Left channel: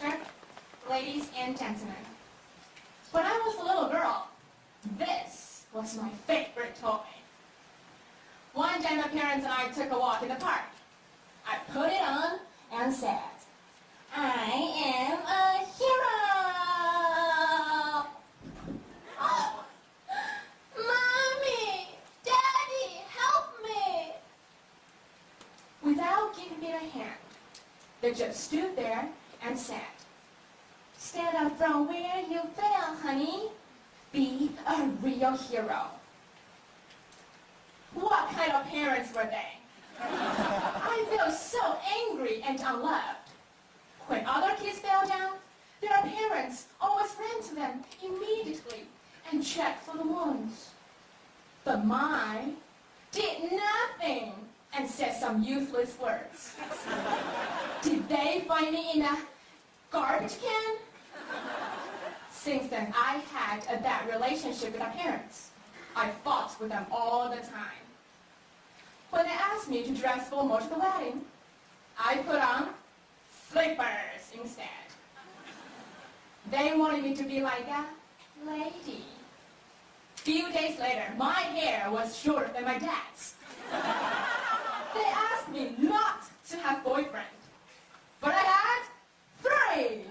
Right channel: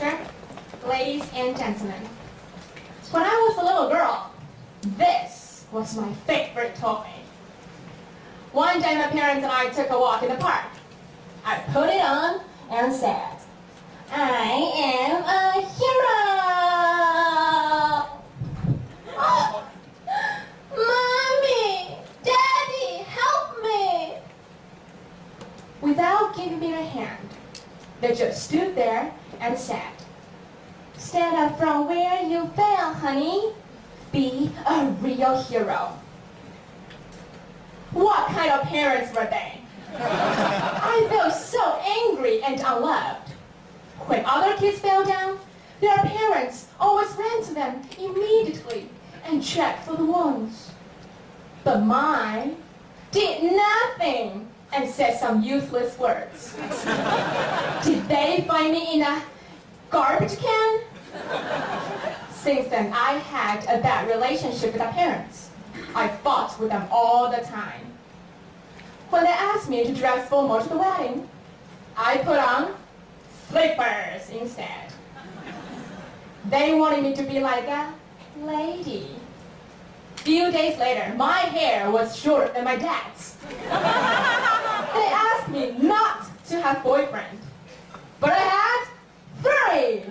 Master, ladies and gentlemen. When I was a little girl, this was my favorite toy. One day my parents and I took a walk in the park. I put it on and said, "I am a hero!" Oh, Mommy! Daddy, help me! Without giving me a hand, they just stood there and said, "Stand up from where you fell, honey. Be a real hero." What kind of parents were they? I felt so angry and unloved. When other kids fell down, their parents always ran to them immediately and checked for the wounds. But mine did nothing and said some useless words. Did they find me in a garbage can? Since then, I had a bad relationship with my parents. I fought with them all the time. When they asked me to dress formal to the wedding, I put on slippers instead. They wanted me to be like a lady. Few days later, my hair was shorter than my dad's. They asked me not to have boyfriend, but I had 3.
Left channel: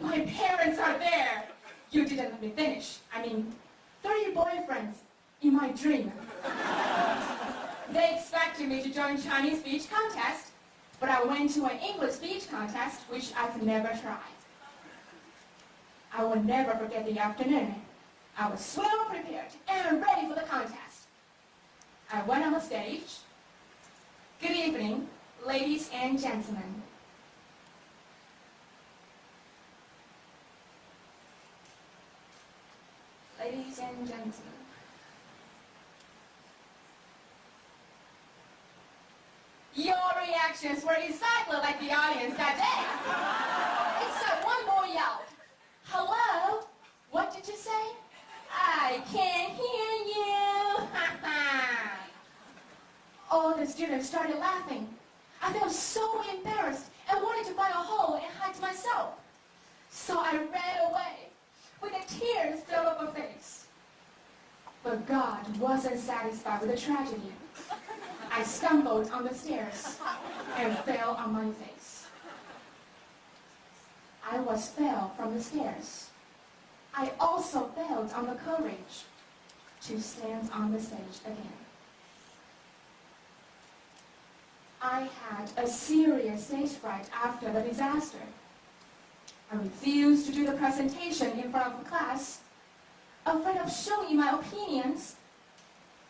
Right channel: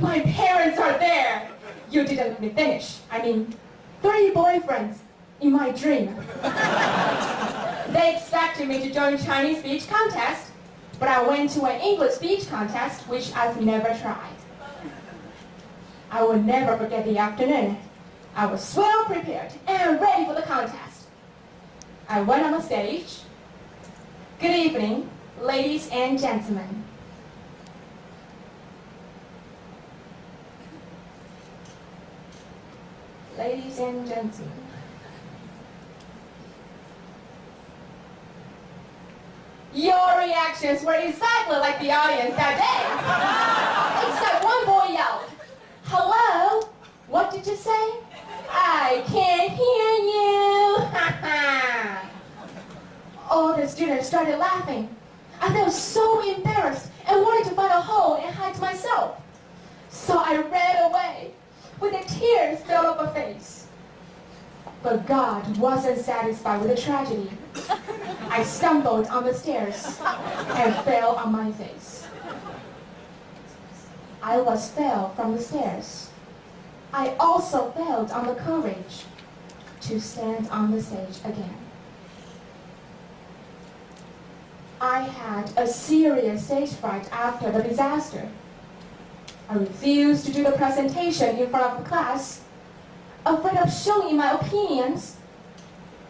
My parents are there. You didn't let me finish. 3 boyfriends in my dream. They expected me to join Chinese speech contest, but I went to an English speech contest, which I've never tried. I will never forget the afternoon. I was well prepared and ready for the contest. I went on the stage. Good evening, ladies and gentlemen. Ladies and gentlemen. Your reactions were exactly like the audience that day. Except one boy yelled, "Hello? What did you say? I can't hear you." All the students started laughing. I felt so embarrassed and wanted to find a hole and hide myself. So I ran away with the tears fell off my face. But God wasn't satisfied with the tragedy. I stumbled on the stairs and fell on my face. I fell from the stairs. I also felt on the courage to stand on the stage again. I had a serious stage fright after the disaster. I refused to do the presentation in front of the class, afraid of showing my opinions,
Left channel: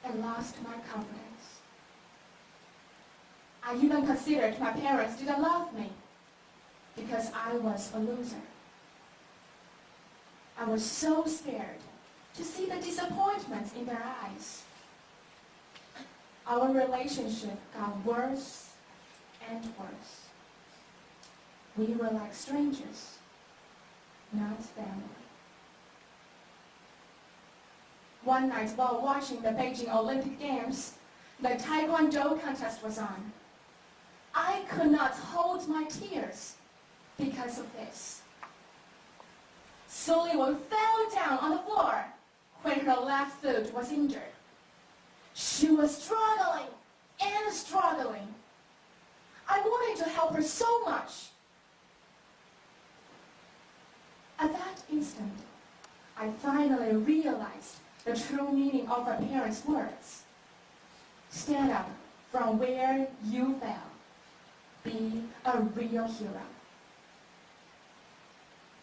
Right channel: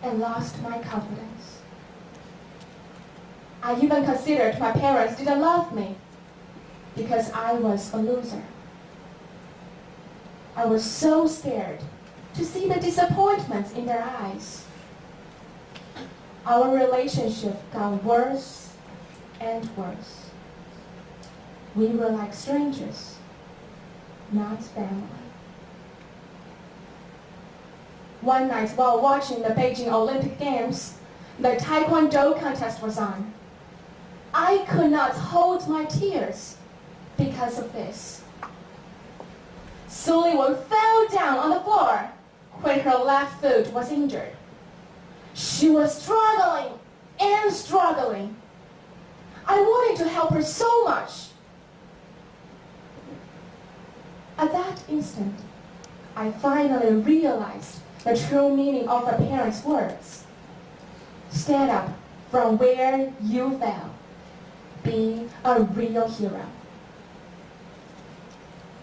and lost my confidence. I even considered my parents didn't love me because I was a loser. I was so scared to see the disappointments in their eyes. Our relationship got worse and worse. We were like strangers, not family. One night while watching the Beijing Olympic Games, the Taekwondo contest was on. I could not hold my tears because of this. Sullivan fell down on the floor when her left foot was injured. She was struggling and struggling. I wanted to help her so much. At that instant, I finally realized the true meaning of her parents' words. Stand up from where you fell. Be a real hero.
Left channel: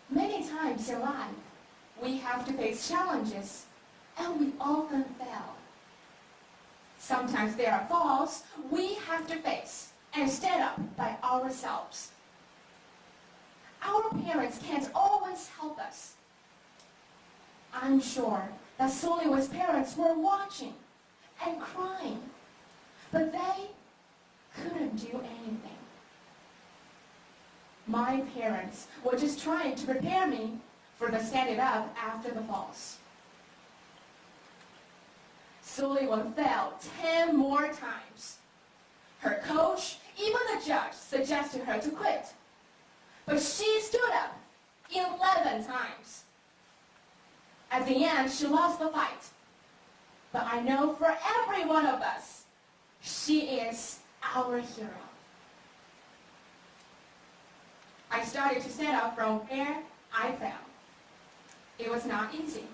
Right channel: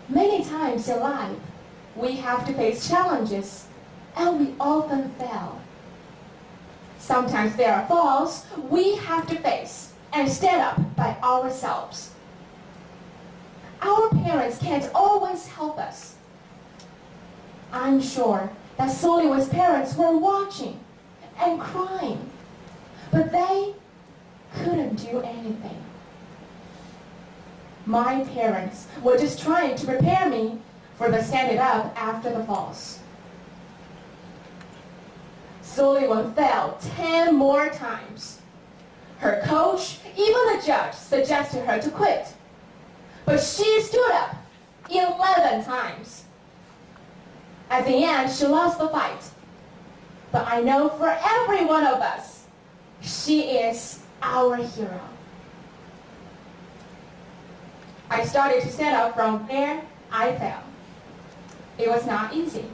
Many times in life, we have to face challenges, and we often fail. Sometimes there are falls we have to face and stand up by ourselves. Our parents can't always help us. I'm sure that Sullivan's parents were watching and crying, but they couldn't do anything. My parents were just trying to prepare me for the standing up after the falls. Sullivan fell 10 more times. Her coach, even the judge, suggested her to quit. but she stood up 11 times. At the end, she lost the fight. But I know for every one of us, she is our hero. I started to stand up from where I fell. It was not easy.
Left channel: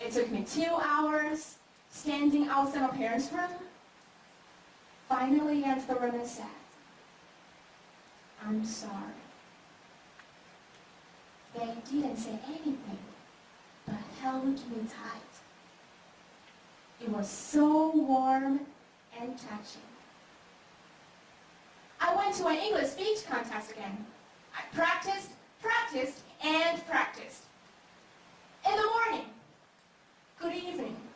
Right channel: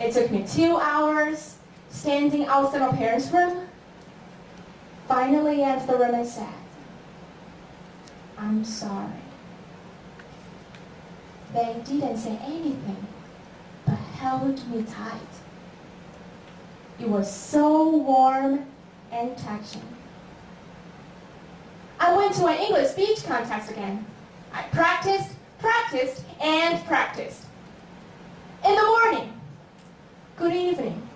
It took me 2 hours standing outside my parents' room. Finally entered the room and said, "I'm sorry." They didn't say anything, but held me tight. It was so warm and touching. I went to an English speech contest again. I practiced, and practiced. In the morning, "Good evening,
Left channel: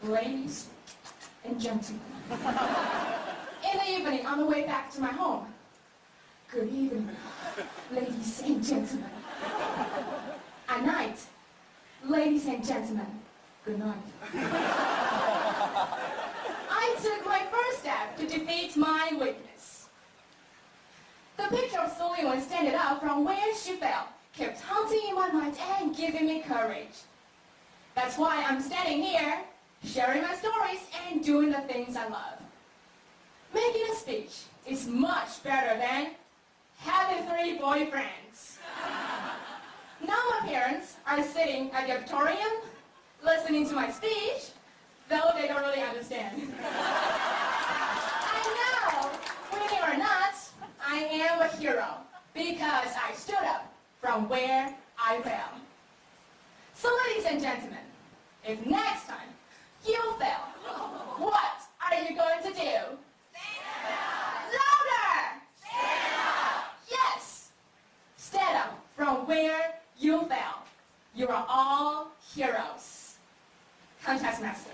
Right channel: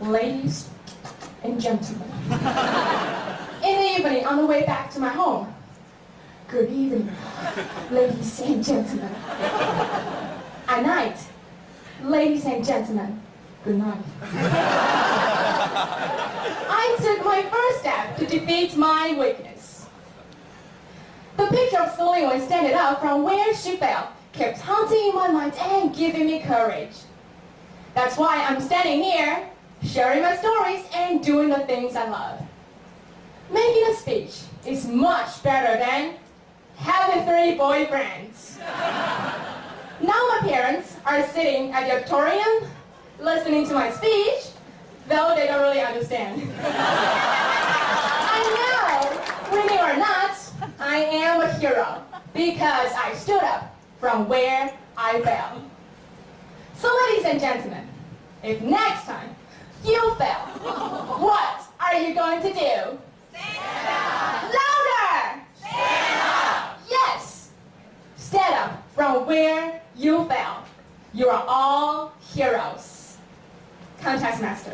ladies and gentlemen." In the evening, on the way back to my home, "Good evening, ladies and gentlemen." At night, "Ladies and gentlemen, good night." I took my first step to defeat my weakness. The picture of Celine when standing up from where she fell kept haunting in my mind and giving me courage. That's why I'm standing here, sharing my stories and doing the things I love. Making a speech is much better than having 3 boyfriends. Now my parents are sitting at the auditorium, listening to my speech, though they don't really understand. I know, winning or not, I am a hero because I stood up from where I fell. So ladies and gentlemen, if next time you fail, what are you going to do? Stand up! Louder! Stand up! Yes! Stand up from where you fell. You are all heroes. Contest Master.